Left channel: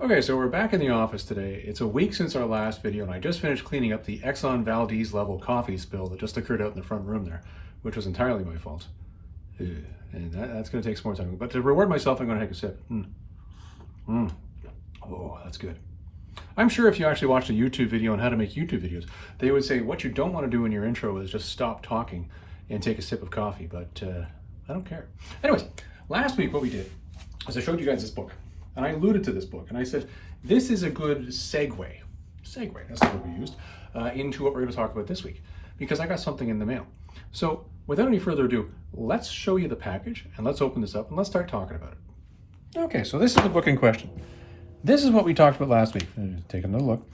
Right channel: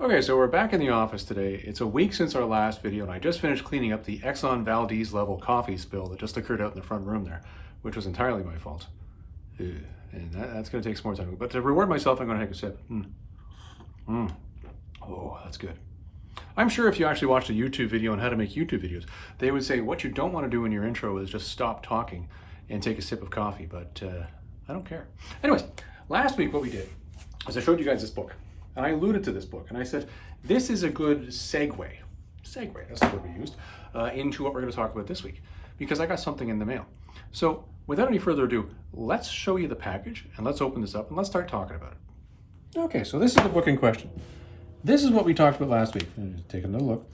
Okay, so we're back in the office today. It's a week since our last video, and I just finished cleaning up the Exxon Valdez level coffee spill that just occurred out in the front room there, which was entirely my fault. Ugh. And that's going to take some more time. But to reward myself, I'm going to take a sip. Oh, that's good. I'm sure if you actually watched a YouTube video on how to make YouTube videos, they would say what you don't want to do in your intro is just stop talking and take a sip of coffee, but I don't care. Anyways, last week what we did is I showed you guys this book. And I alluded to this book, and I said, this is a good segue, that's the word we used, into what we're going to talk about this week, because I got something in the mail. So without any further ado, let's show you the package, and let's open this up, and let's start talking about it. Okay, so this is the book in question. This is what we talked about last week. Take another look.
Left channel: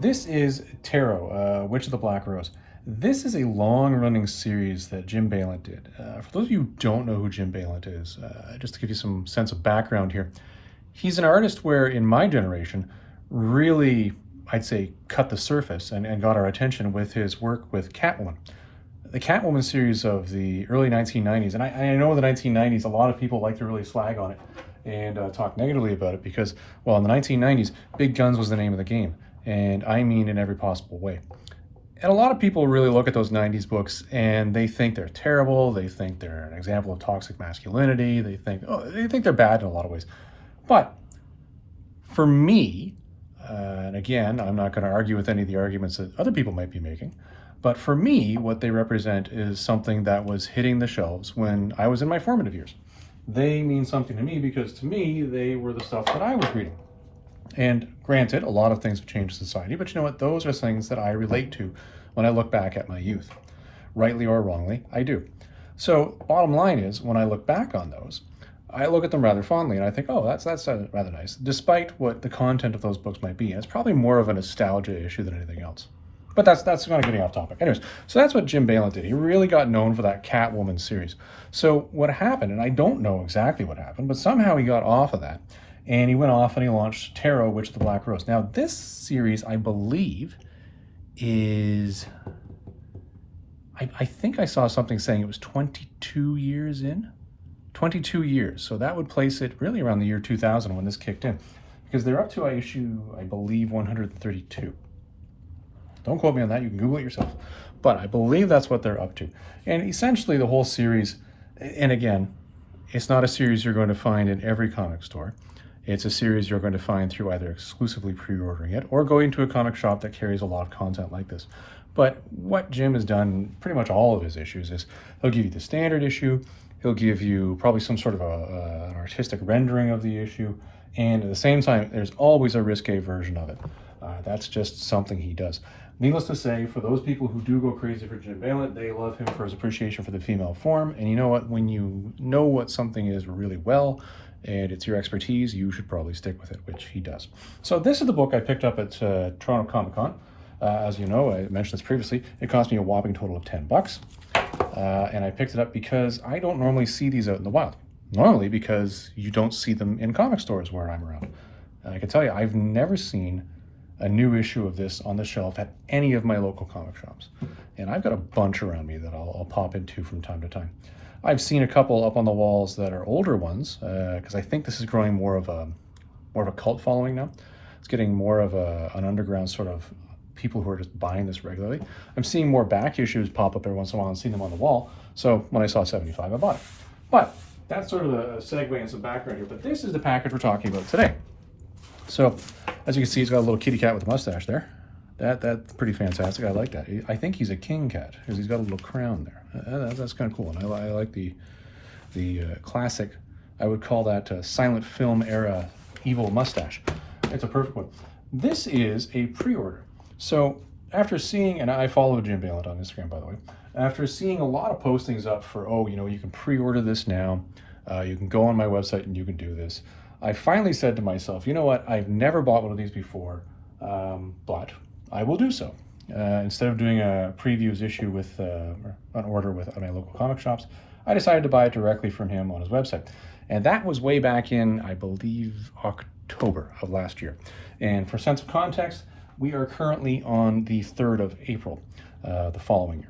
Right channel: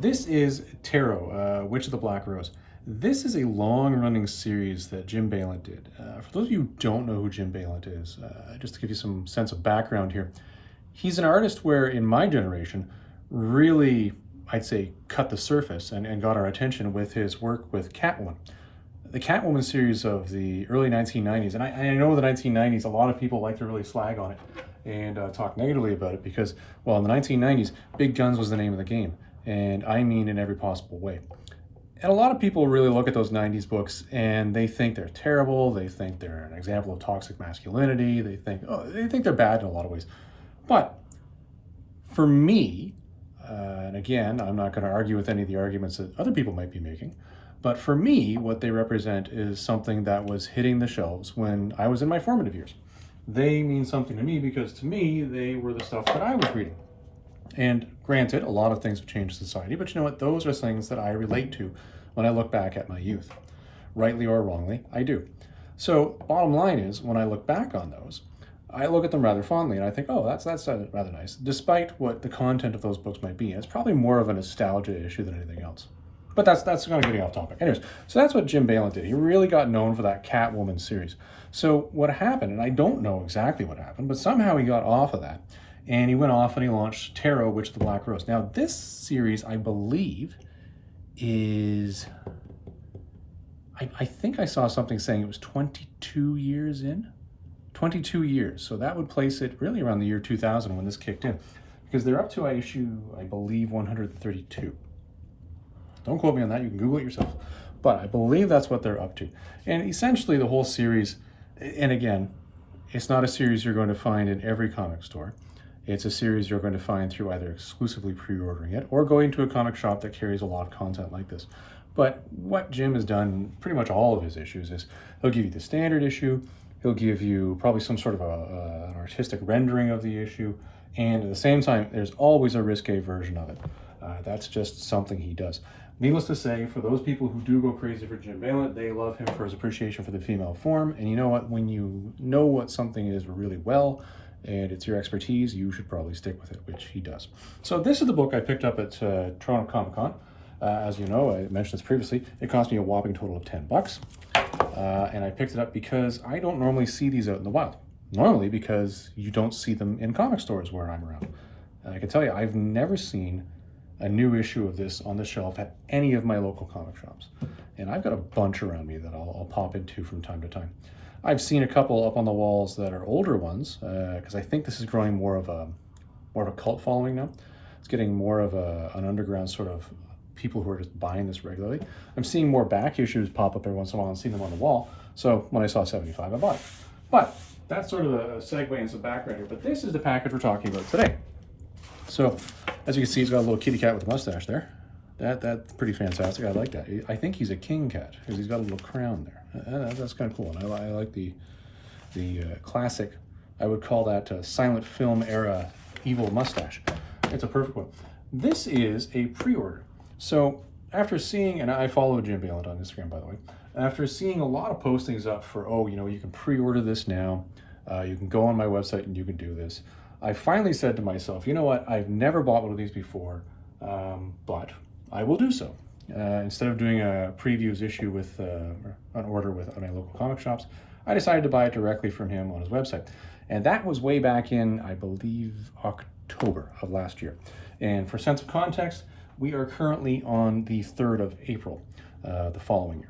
This is Tarot, Witch of the Black Rose. This is a long-running series that Jim Balent did. For those of you who don't know who Jim Balent is, just to give you some sense of background here, he's an artist where, in my generation, really, I'd say, cut the surface and got our attention with his work with Catwoman. The Catwoman series of the early 1990s, and I know the 1990s, a lot of people like to really slag on it and talk negatively about it because, well, in the 1990s, big guns was the name of the game, and I mean in every possible way. And a lot of people really look at those 90s books and they think they're terrible, they think they're an example of toxic masculinity, they think they're bad in a lot of ways. But for me, and again, I'm not going to argue with any of the arguments that other people might be making, but for me, what they represent is something that was hitting the shelves when I was in my formative years. They mean something to me because to me, they were the stuff that I was reading. And granted, a lot of things have changed in society, but you know what? Those are things that I relate to when I look back at my youth. Rightly or wrongly, I do. So bottom line is, when I look back on those, I look at them rather fondly and I think, oh, that's rather nice, despite what the content of those books might be. And it's probably more of a nostalgia issue than anything else. But that's kind of getting off topic. Anyways, so that's what Jim Balent did. He really got known for that Catwoman series. So what happened, and I don't know exactly what happened, but somehow he got off of that. And he went off and he launched Tarot, Witch of the Black Rose. Now, this series, I believe, is... I think I saw something saying it was 22 years in. 22 years, so that would place it really around the year 2000 when this kicked in, because they're up to issue, I believe, 132. Don't quote me on that, you can Google it yourself, but I believe that's what they're up to. And essentially the whole series, and again, it's not a series you're going to find in every comic store. It's a series you're going to find through either exclusively pre-ordering it or going to a comic shop that carries a lot of content like this. But what Jim has done in pretty much all of his issues is he'll give you the standard issue, he'll give you probably some sort of an artistic rendering of the issue, and at the same time, there's always a risque version of it. That's just something he does. Needless to say, for those people who do go crazy for Jim Balent, they love him for his appreciation for the female form, and you know what? When you know what something is really well, and it's your expertise, you should probably stick with it, which he does. So this is the book I picked up at Toronto Comic Con. As you know, I mentioned this previously, it cost me a whopping total of $10. And I picked it up because I don't normally see these out in the wild. Normally because you don't see them in comic stores where I'm around. And I can tell you, I've never seen a new issue of this on the shelf at any of my local comic shops. And I've got a bunch around me that I'll pop into from time to time. I've seen a couple up on the walls that are older ones, because I think this is growing more of a cult following now. It's getting more of an underground sort of people who are just buying this regularly. I'm seeing more back issues pop up every once in a while and see them on the wall. So when I saw 75, I bought it. But that's sort of a segue and some background here. But this is the package we're talking about today. So as you can see, he's got a little kitty cat with a mustache there. That's pretty fantastic. I like that. I think he's a king cat because he's got a little crown there. That's kind of cool. And I like the classic, I would call that silent film era evil mustache. It's a perfect one. This is a pre-order. So after seeing, and I follow Jim Balent on Instagram, by the way, after seeing a lot of postings up for, oh, you know, you can pre-order this now, you can go on my website and you can do this, I finally said to myself, you know what, I've never bought one of these before, but I will do so. Instead of doing a previews issue with an order with my local comic shops, I decided to buy it directly from him on his website. And that was way back in, I believe, October of last year. And for sense of context, we are currently on the 3rd of April, the following year.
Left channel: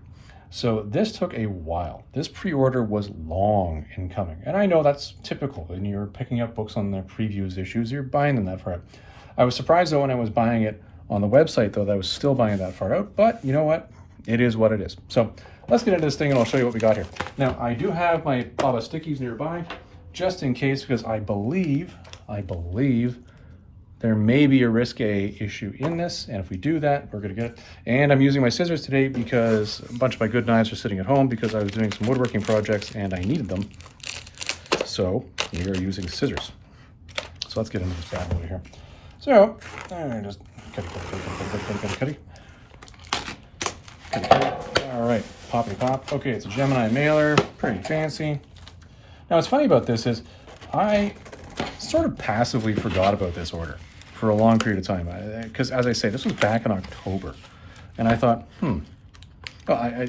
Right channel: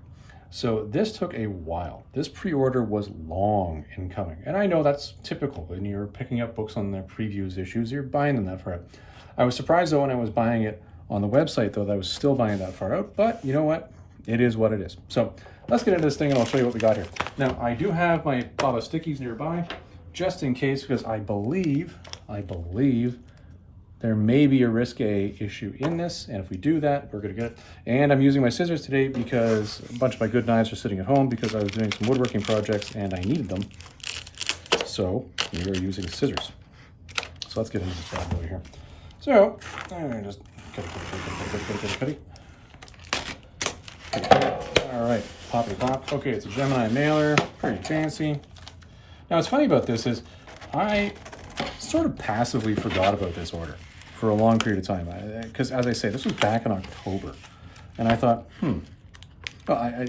So this took a while. This pre-order was long in coming. And I know that's typical. When you're picking up books on the previews issues, you're buying them that far. I was surprised though when I was buying it on the website though that I was still buying that far out, but you know what? It is what it is. So let's get into this thing and I'll show you what we got here. Now I do have my Baba Stickies nearby just in case, because I believe there may be a risque issue in this, and if we do that, we're gonna get it. And I'm using my scissors today because a bunch of my good knives are sitting at home because I was doing some woodworking projects and I needed them. So we are using scissors. So let's get into this bad boy here. So, just cut. All right, poppity pop. Okay, it's a Gemini mailer, pretty fancy. Now what's funny about this is I sort of passively forgot about this order for a long period of time, because as I say, this was back in October, and I thought, well, I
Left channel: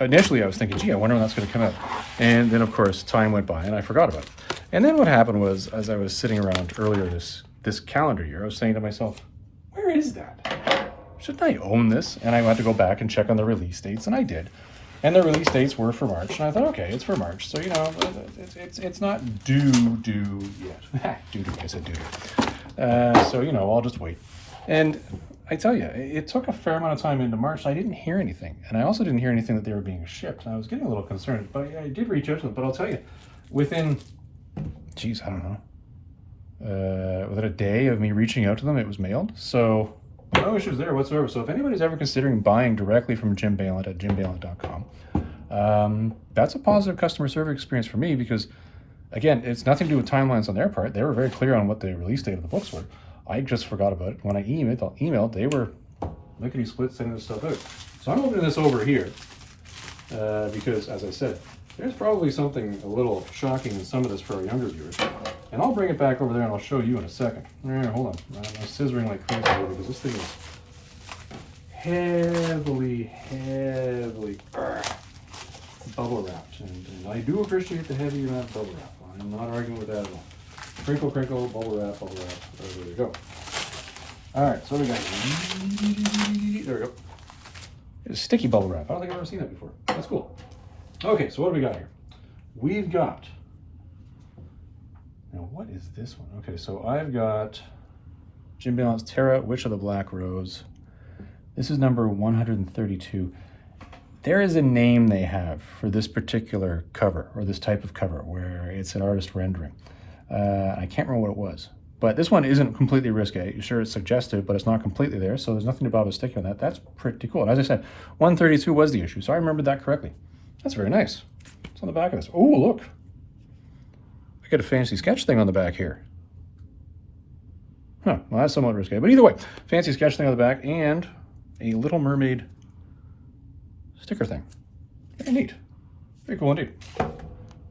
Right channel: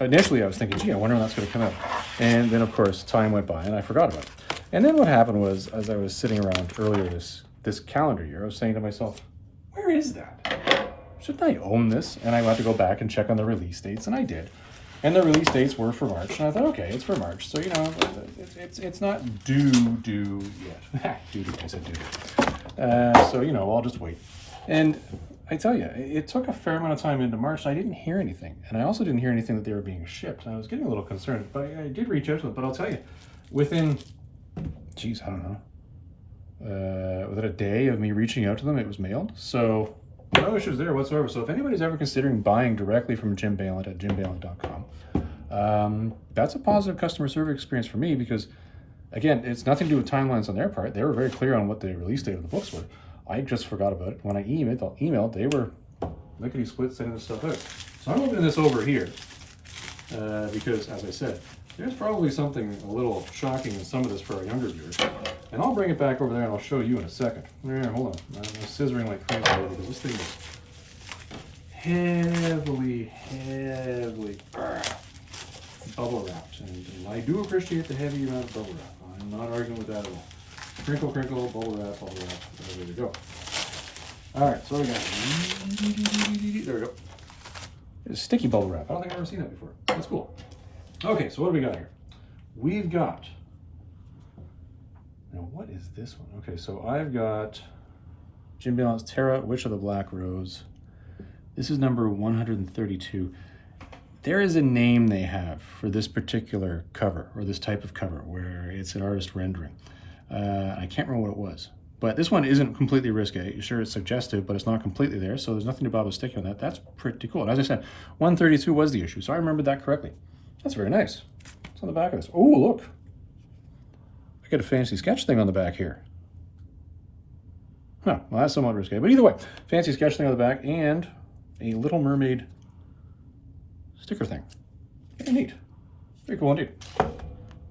initially I was thinking, gee, I wonder when that's going to come out, and then of course time went by and I forgot about it. And then what happened was, as I was sitting around earlier this calendar year, I was saying to myself, where is that? Shouldn't I own this? And I had to go back and check on the release dates, and I did. And the release dates were for March, and I thought, okay, it's for March, so you know, it's not due yet. Due, I said due. So you know, I'll just wait. And I tell you, it took a fair amount of time into March, and I didn't hear anything. And I also didn't hear anything that they were being shipped. And I was getting a little concerned, but I did reach out to them. But I'll tell you, within, geez, I don't know, within a day of me reaching out to them, it was mailed. So no issues there whatsoever. So if anybody's ever considering buying directly from Jim Balent at jimbalent.com, that's a positive customer service experience for me, because again, it's nothing to do with timelines on their part. They were very clear on what the release date of the books were. I just forgot about it. When I emailed, they were lickety split sending this stuff out. So I'm opening this over here because, as I said, there's probably something a little shocking in some of this for our younger viewers. And I'll bring it back over there and I'll show you in a second. Hold on. I'm scissoring like crazy here because this thing is heavily bubble wrapped. And I do appreciate the heavy amount of bubble wrap. I'm not arguing with that at all. Crinkle, crinkle, bubble wrap. There we go. All right, so we got, there we go. It's sticky bubble wrap. I don't think I've ever seen that before. That's cool. Okay, so what do we got here? We've got, now what is this one? Okay, so I've got Jim Balent's Terra, Witch of the Black Rose. This is number 132. There is a name they have for this particular cover, or this type of cover, where it's an artist rendering. I can't remember what it was. But this one isn't completely risque. Sure, it's suggestive, but it's not completely there, so there's nothing to bother sticking on that. That's pretty cool. And as I said, 132 was the issue, so I remembered that correctly. That's very nice. It's on the back of this. Oh, look. I got a fancy sketch thing on the back here. Huh, well, that's somewhat risque. But either way, fancy sketch thing on the back and a Little Mermaid sticker thing. Very neat. Very cool indeed.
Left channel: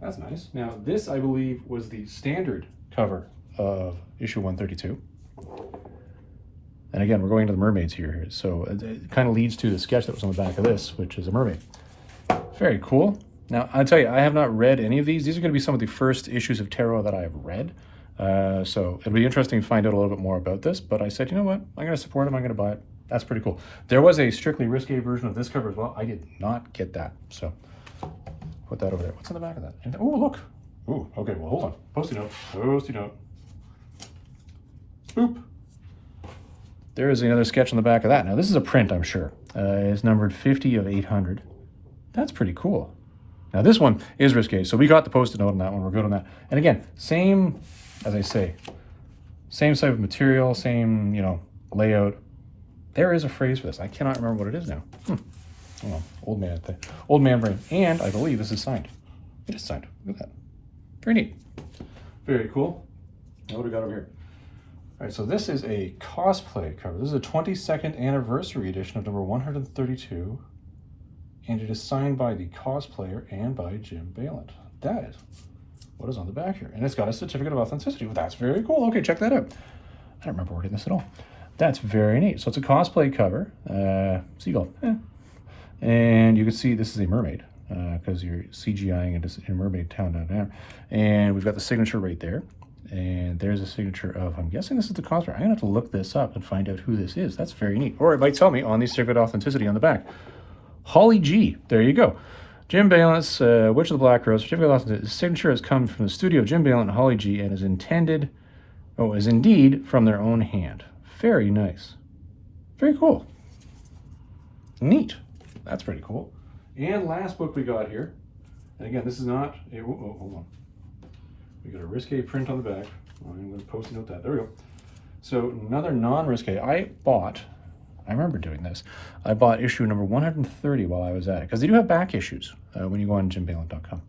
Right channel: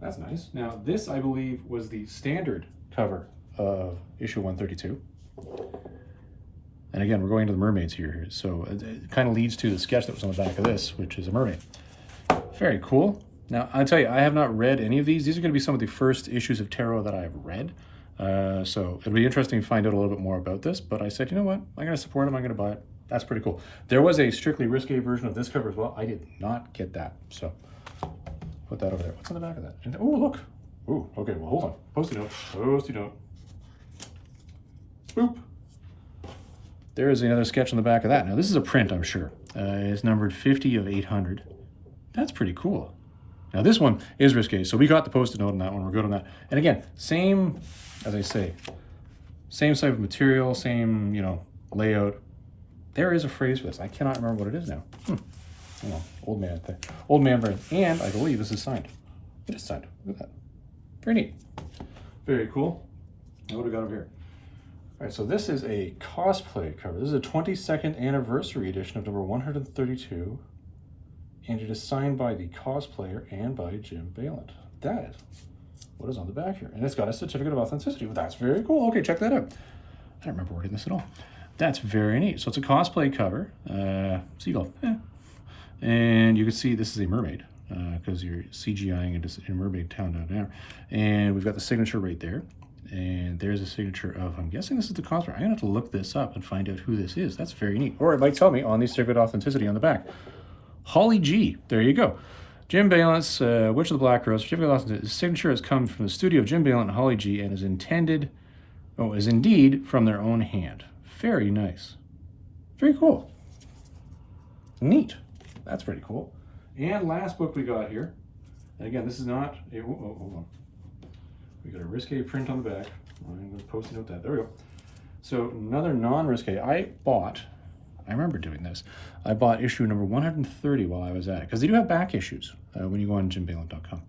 That's nice. Now, this, I believe, was the standard cover of issue 132. And again, we're going to the mermaids here. So it kind of leads to the sketch that was on the back of this, which is a mermaid. Very cool. Now, I'll tell you, I have not read any of these. These are going to be some of the first issues of Tarot that I have read. So it'll be interesting to find out a little bit more about this. But I said, you know what? I'm going to support them. I'm going to buy it. That's pretty cool. There was a strictly risque version of this cover as well. I did not get that. So put that over there. What's on the back of that? And, oh, look. Ooh, okay, well, hold on. Post-it note. Post-it note. Boop. There is another sketch on the back of that. Now, this is a print, I'm sure. It's numbered 50 of 800. That's pretty cool. Now, this one is risque, so we got the Post-it note on that one. We're good on that. And again, same, as I say, same type of material, same, you know, layout. There is a phrase for this. I cannot remember what it is now. Oh, old man thing. Old man brain. And I believe this is signed. It is signed. Look at that. Very neat. Very cool. What do we got over here? All right, so this is a cosplay cover. This is a 22nd anniversary edition of number 132, and it is signed by the cosplayer and by Jim Balent. That is what is on the back here, and it's got a certificate of authenticity. Well, that's very cool. Okay, check that out. I don't remember reading this at all. That's very neat. So it's a cosplay cover, seagull, and you can see this is a mermaid because you're CGIing a mermaid town down there, and we've got the signature right there. And there's a signature of, I'm guessing this is the cosplayer. I'm gonna have to look this up and find out who this is. That's very neat. Or it might tell me on the certificate of authenticity on the back. Holly G, there you go. Jim Balent's Witch of the Black Rose, certificate of authenticity. His signature has come from the studio of Jim Balent and Holly G and is indeed from their own hand. Very nice. Very cool. Neat. That's pretty cool. And last book we got here, and again, this is not a, hold on. We got a risqué print on the back. I'm going to post a note that. There we go. So another non-risqué. I remember doing this. I bought issue number 130 while I was at it, because they do have back issues when you go on jimbalent.com.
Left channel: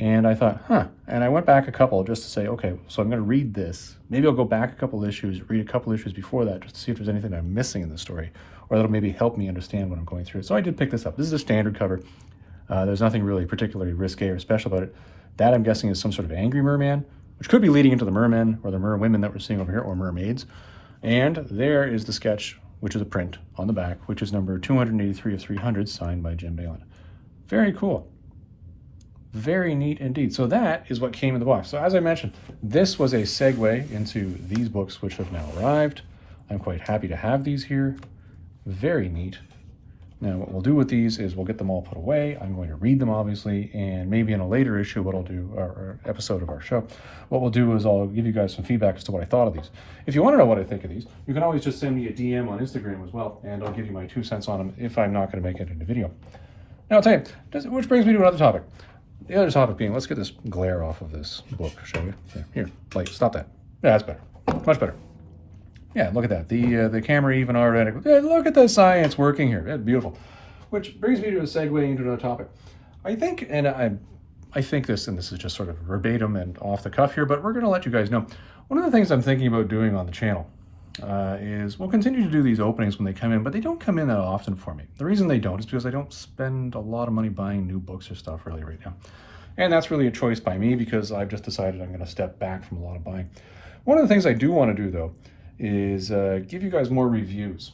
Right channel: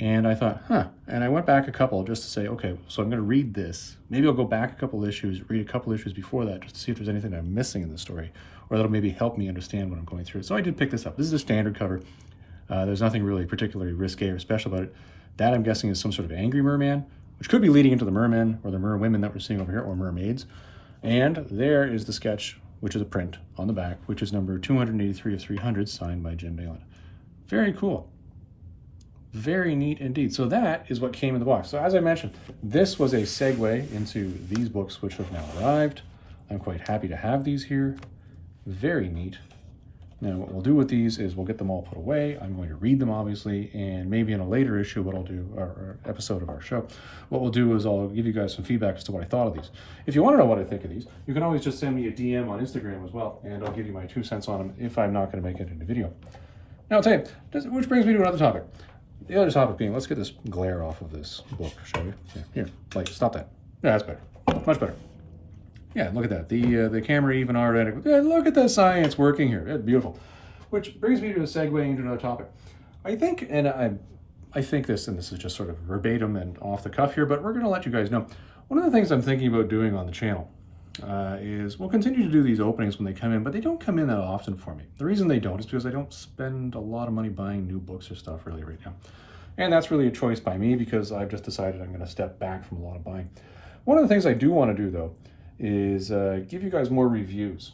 And I thought, and I went back a couple just to say, okay, so I'm going to read this. Maybe I'll go back a couple issues, read a couple issues before that, just to see if there's anything I'm missing in the story, or that'll maybe help me understand what I'm going through. So I did pick this up. This is a standard cover. There's nothing really particularly risque or special about it. That, I'm guessing, is some sort of angry merman, which could be leading into the mermen or the merwomen that we're seeing over here, or mermaids. And there is the sketch, which is a print on the back, which is number 283 of 300, signed by Jim Balent. Very cool. Very neat indeed. So that is what came in the box. So as I mentioned, this was a segue into these books, which have now arrived. I'm quite happy to have these here. Very neat. Now what we'll do with these is we'll get them all put away. I'm going to read them, obviously, and maybe in a later issue, what I'll do, or episode of our show, what we'll do is I'll give you guys some feedback as to what I thought of these. If you want to know what I think of these, you can always just send me a DM on Instagram as well, and I'll give you my 2 cents on them if I'm not going to make it in a video. Now I'll tell you, which brings me to another topic. The other topic being, let's get this glare off of this book, shall we? Yeah, here, like, stop that. Yeah, that's better. Much better. Yeah, look at that. The camera even already. Yeah, look at the science working here. It's beautiful. Which brings me to a segue into another topic. I think, and I think this, and this is just sort of verbatim and off the cuff here, but we're going to let you guys know. One of the things I'm thinking about doing on the channel is we'll continue to do these openings when they come in, but they don't come in that often for me. The reason they don't is because I don't spend a lot of money buying new books or stuff really right now. And that's really a choice by me because I've just decided I'm going to step back from a lot of buying. One of the things I do want to do, though, is give you guys more reviews.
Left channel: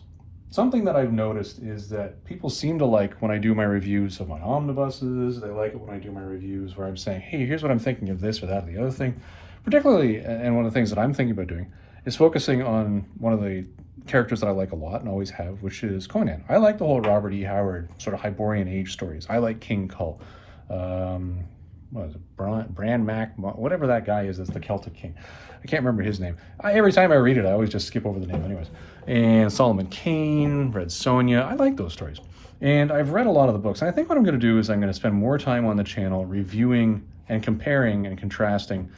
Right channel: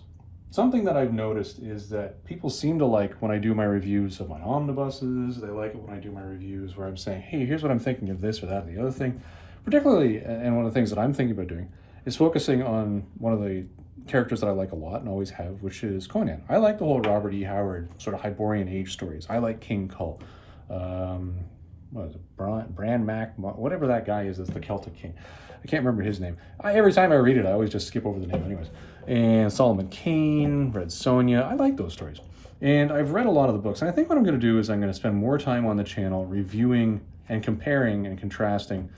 Something that I've noticed is that people seem to like when I do my reviews of my omnibuses. They like it when I do my reviews where I'm saying, hey, here's what I'm thinking of this or that or the other thing. Particularly, and one of the things that I'm thinking about doing is focusing on one of the characters that I like a lot and always have, which is Conan. I like the whole Robert E. Howard sort of Hyborian age stories. I like King Kull. What is it? Bran Mac, whatever that guy is, that's the Celtic king. I can't remember his name. Every time I read it, I always just skip over the name anyways. And Solomon Kane, Red Sonja, I like those stories. And I've read a lot of the books. And I think what I'm going to do is I'm going to spend more time on the channel reviewing and comparing and contrasting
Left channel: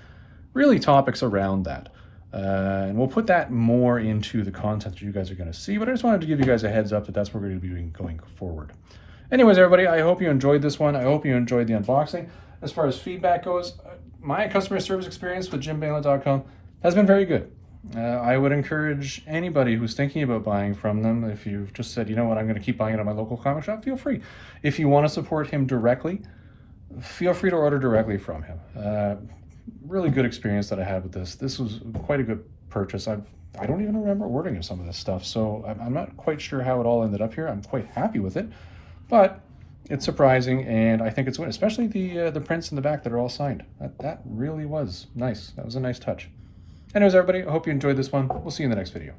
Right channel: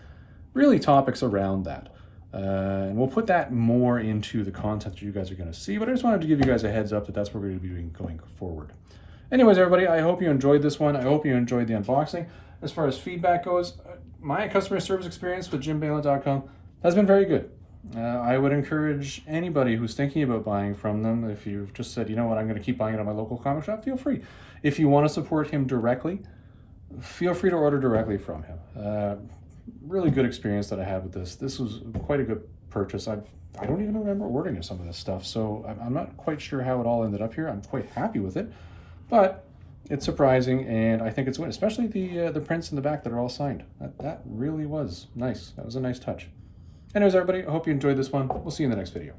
really topics around that. And we'll put that more into the content that you guys are going to see. But I just wanted to give you guys a heads up that that's what we're going to be doing going forward. Anyways, everybody, I hope you enjoyed this one. I hope you enjoyed the unboxing. As far as feedback goes, my customer service experience with jimbalent.com has been very good. I would encourage anybody who's thinking about buying from them, if you've just said, you know what, I'm going to keep buying it at my local comic shop, feel free. If you want to support him directly, feel free to order directly from him. Really good experience that I had with this. This was quite a good purchase. I don't even remember ordering some of this stuff, so I'm not quite sure how it all ended up here. I'm quite happy with it, but it's surprising, and I think it's good, especially the prints in the back that are all signed. That really was nice. That was a nice touch. Anyways, everybody, I hope you enjoyed this one. We'll see you in the next video.